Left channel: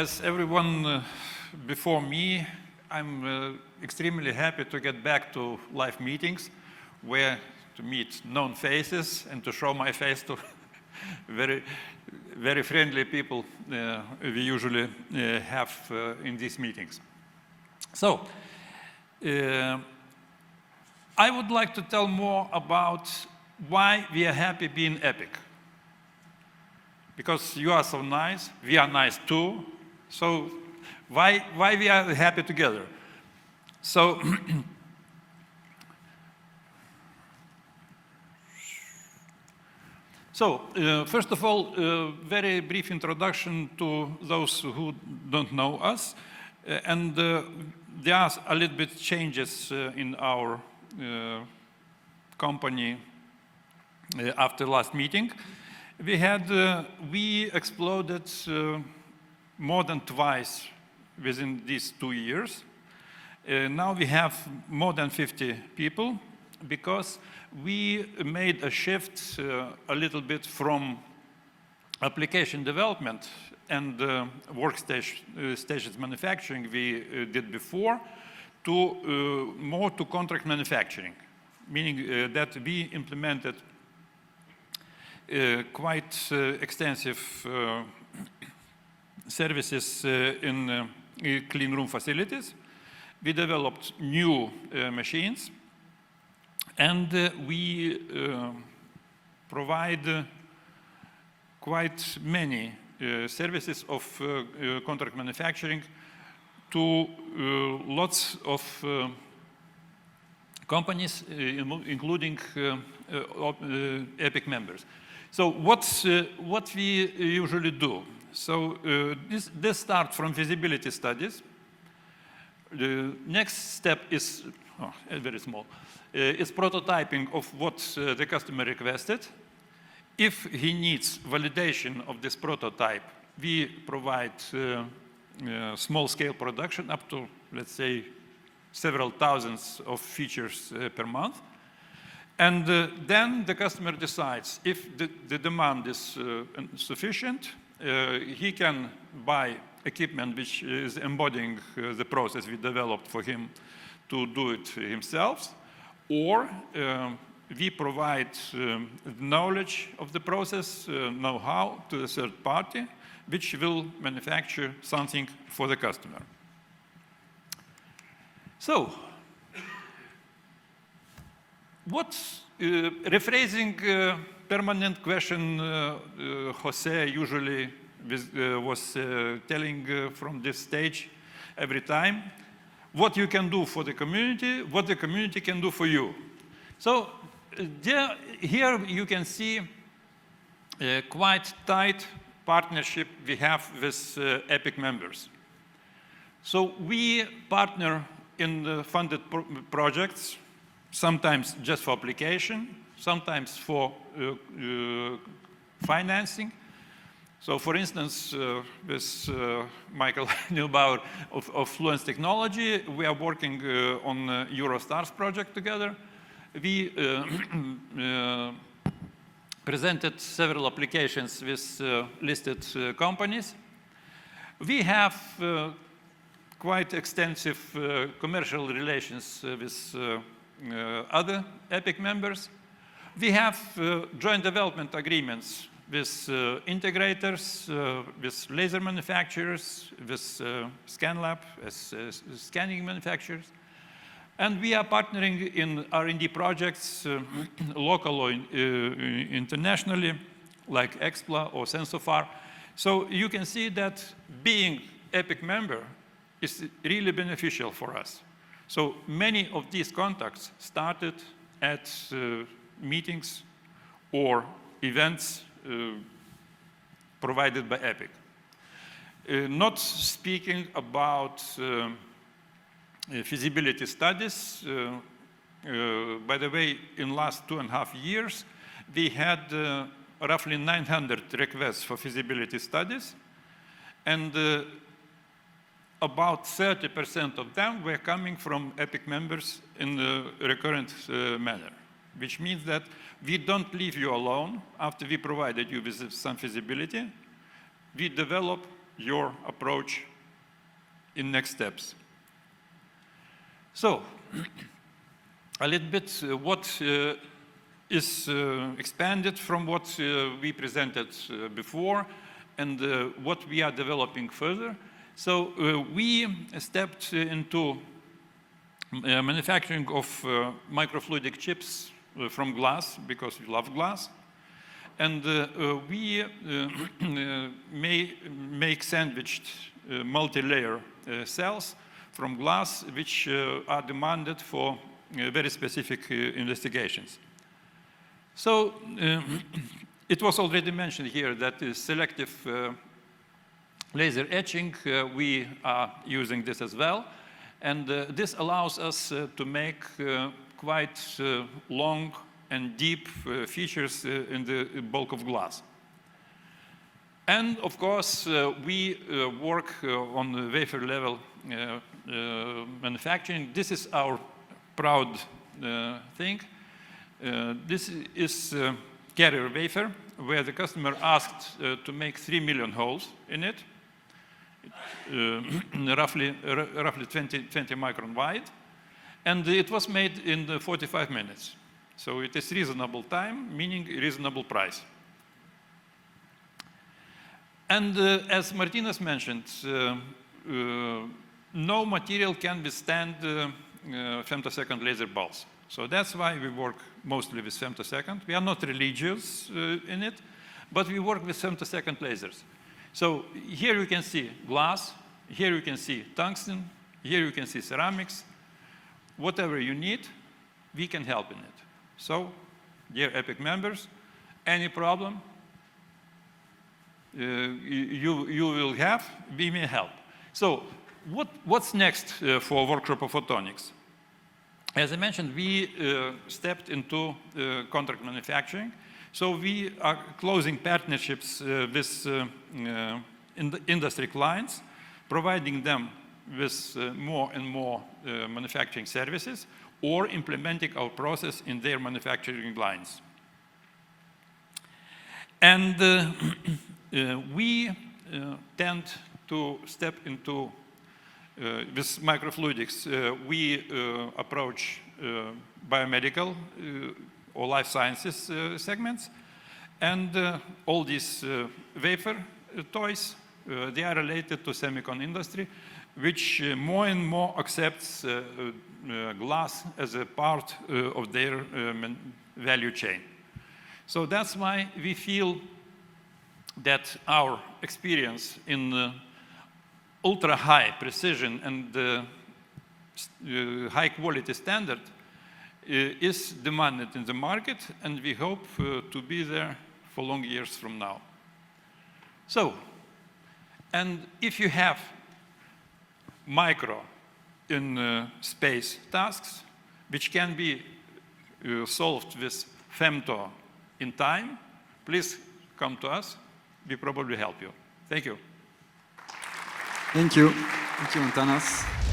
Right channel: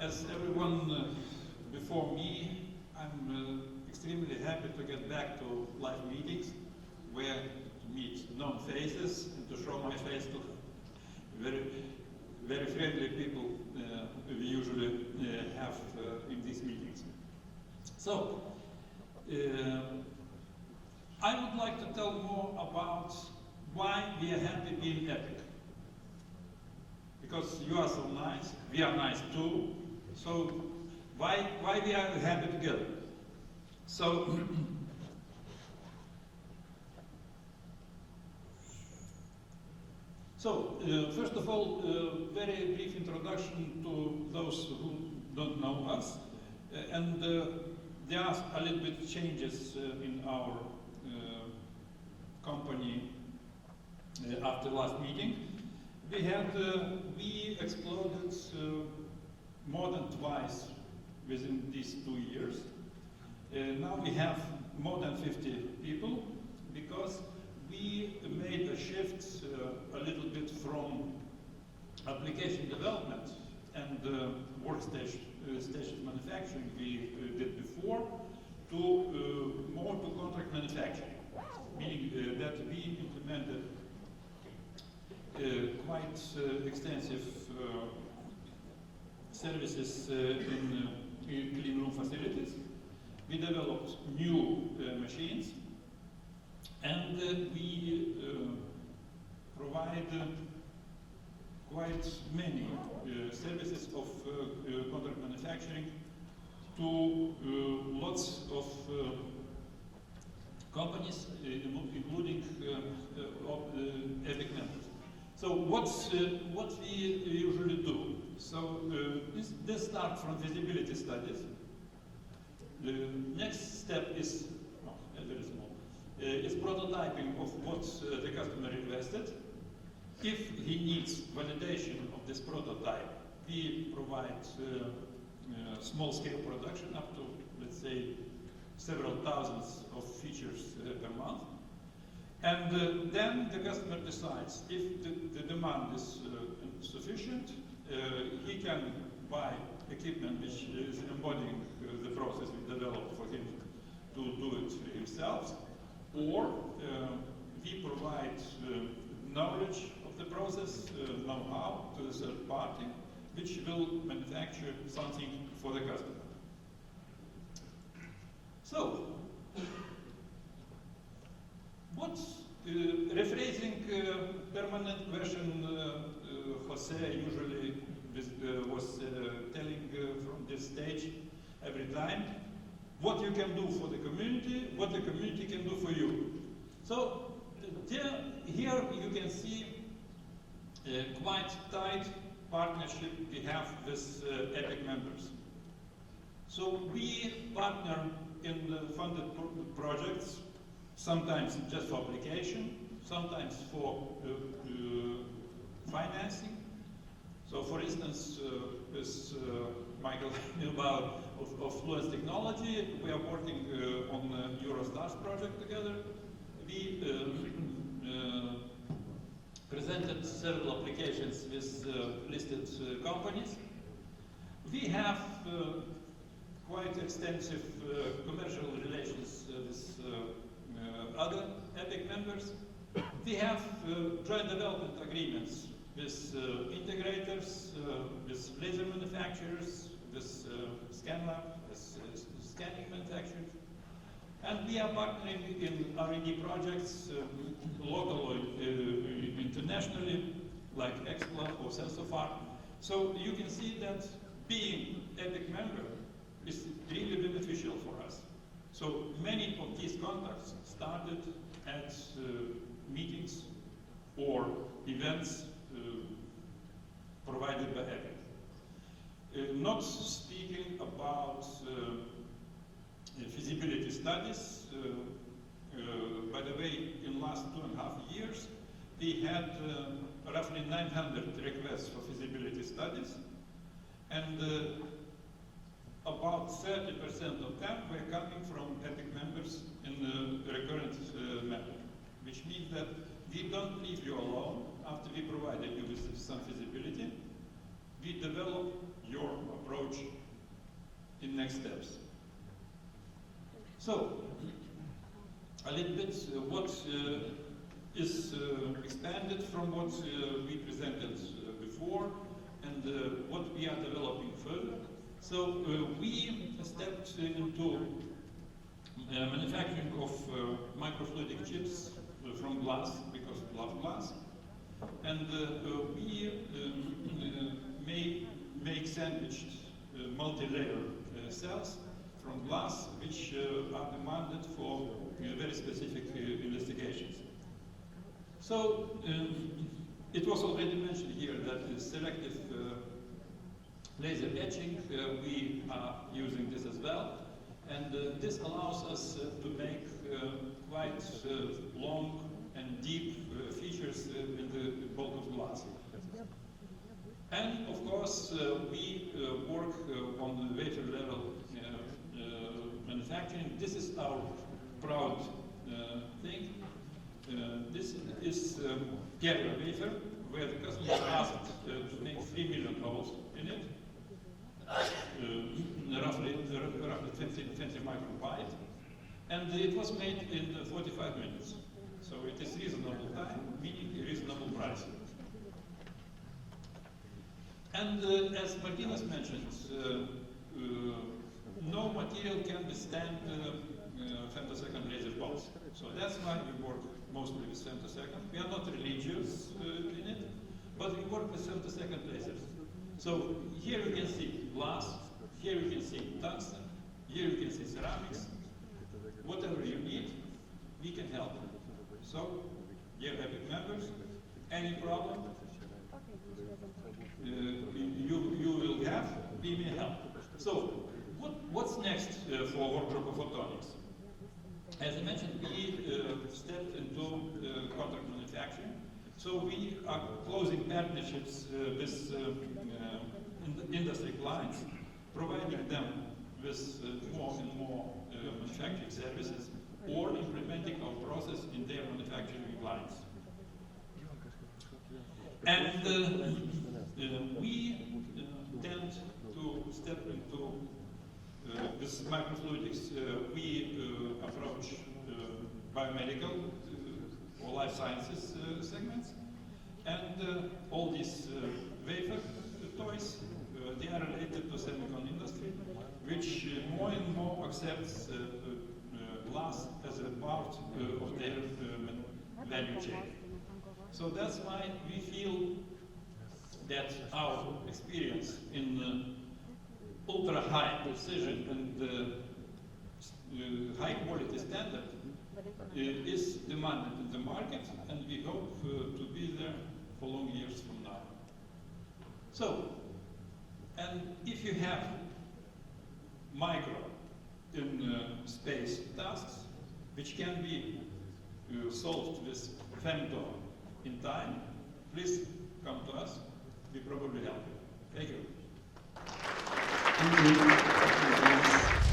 as everyone before me, I'm extremely happy to get back to live meetings, where to meet known faces and to show my face to very friendly people we usually have in these meetings. So, I would like to tell more about why we are happy being EPIC. Because you are so nice, we are nice too. So why we are happy together? So first of all, very brief introduction to those who don't know us, and there are a little bit changes in our company after last meeting. We exploded more than twice within these 2 years. Now we have more than 50 people because we made a shift a little bit from application development and workstations manufacturing we did before to more to contract manufacturing, meaning that we implemented quite extensive services in clean room facilities. We developed new machines, and we provide quite many services of contract manufacturing to lots of companies, including EPIC members. So what we usually do? So this starts from feasibility studies. The next step is very small. Is prototyping of what the customer requested. If he needs validation of this prototype, we provide small-scale production up to, let's say, several thousands of features per month. And then the customer decides if the demand is sufficient, he can buy equipment which is embodying the process we developed for him to do it himself, or we provide knowledge of the process, know-how to a third party, which will manufacture something for the customer. So, rephrasing permanent question Jose usually was telling from this stage every time, what you can do for the community, what the community can do for you. So here you can see a quite tight partnership we have with EPIC members. So we partner in the funded projects, sometimes just for application, sometimes for financing. So for instance, with Michael Neubauer of Fluence Technology, we are working on Eurostars project together. We presented several applications with listed companies. We have quite extensive commercial relations with other EPIC members. We have joint development agreements with integrators, with laser manufacturers, with ScanLab, as scanning manufacturers. And we are partnering in R&D projects, local or internationally, like EKSPLA or SensoFar. So you can see that being EPIC member is really beneficial for us. So many of these contacts started at meetings or events provided by EPIC. Not speaking about feasibility studies, by the way, in last 2.5 years, we had roughly 900 requests for feasibility studies, and about 30% of them were coming from EPIC members in a recurrent manner, which means that we don't leave you alone after we provided you with some feasibility. We develop your approach in next steps. So, a little bit what is expanded from what we presented before and what we are developing further. So we stepped into manufacturing of microfluidic chips from glass, because we love glass. And we make sandwiched multi-layer cells from glass, which are demanded for very specific investigations. So it was already mentioned here that selective laser etching, we are using this as well. And this allows us to make quite long and deep features in the bulk of glass. And of course, we work on the wafer level manufacturing. This is our proud thing. This is carrier wafer, where the customer asked to make 3 million holes in it, roughly 20 micron wide. And it was made in 45 minutes. So it is reasonable time, meaning reasonable price. And as Martynas mentioned, no material can withstand femtosecond laser pulse. So that's why we work mostly with femtosecond. We are not religious in it, but we work with femtosecond lasers. So here you can see glass, here you can see tungsten, here you can see ceramics. Whatever you need, we can help in it. So, dear EPIC members, any problem you will have, we may help. So, what's next for workshop of photonics? As I mentioned, we stepped into contract manufacturing. So we are closing partnerships with industry clients, providing them with more and more manufacturing services, or implementing our process in their manufacturing lines. And we tend to step into, with microfluidics, we approach biomedical or life sciences segments, and all these wafer toys, they are related to semicon industry, which more and more accepts glass as a part of their value chain. So that's why we feel that our experience in ultra high precision and high quality standard is demanded in the market, and we hope to be there for long years from now. So, and if you have micro in space tasks, which can be solved with femto in time, please come to us. We probably help you. Thank you. Thank you. Thank you, Antanas.